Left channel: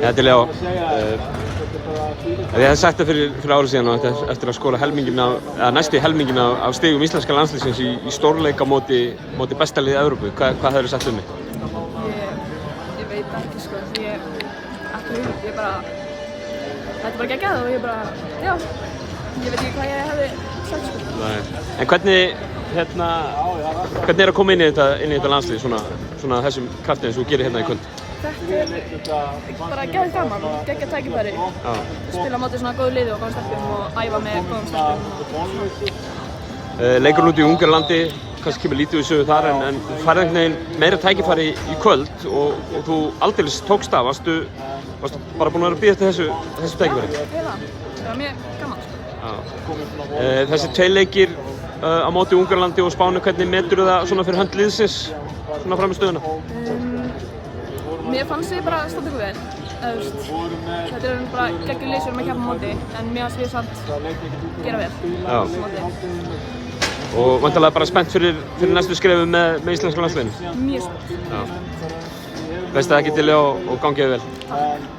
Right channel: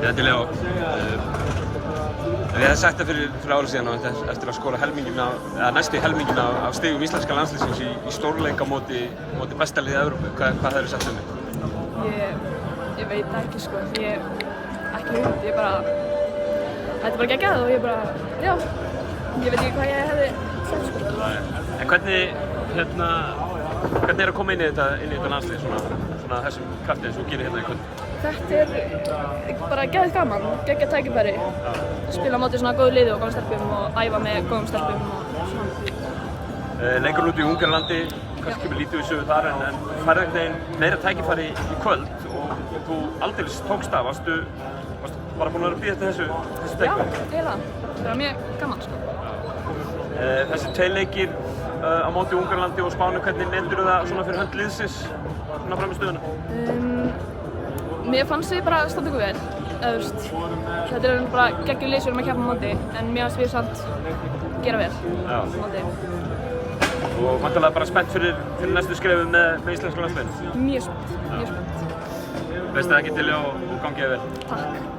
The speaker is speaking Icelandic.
Þetta er Leó. Ég hef sagt það fyrir árið síðan og eftir að skora næstu helmingin af stigum íslenska landsliðsins í stórleik á móti besta liði Evrópu. Hvað hefurðu sagt um mig? Ég veit það ekki sko. Ég ekki hugmynd. Þetta er bara geggjað og ég veit ekki hvað ég hefði sagt sko. En hvernig er að koma inn í þetta landslið svona þessum krafti eins og þú gerir hérna í kvöld? Þetta er bara geðið gaman, geggjað tækifæri. Spila á móti svona góðu liði og góðum stelpum og æfa með góðum stelpum og svona. Leikurinn út í Ungverjalandi, kannski kemur lítið við sögu þar en farið einhvern veginn meira tækifæri í kvöld og þú aldeilis tókst af. Varstu bara búinn að vera að bíða eftir þessu tækifæri? Já, eiginlega. Það var mjög gaman sko. Þessi tveir leikir á móti Ungverjalandi og Spáni, hvernig meturðu það svona fyrir hönd liðsins svona fram í stöðuna? Mér fannst við bara standa okkur vel. Þetta er bara geggjur lið sem við erum að keppa á móti en mér fannst við samt gera vel á móti. Og væntanlega bara spennt fyrir næstu skrefi með íslenska landsliðinu? Mjög spennt. Best að það geti Leó og gangið vel. Takk.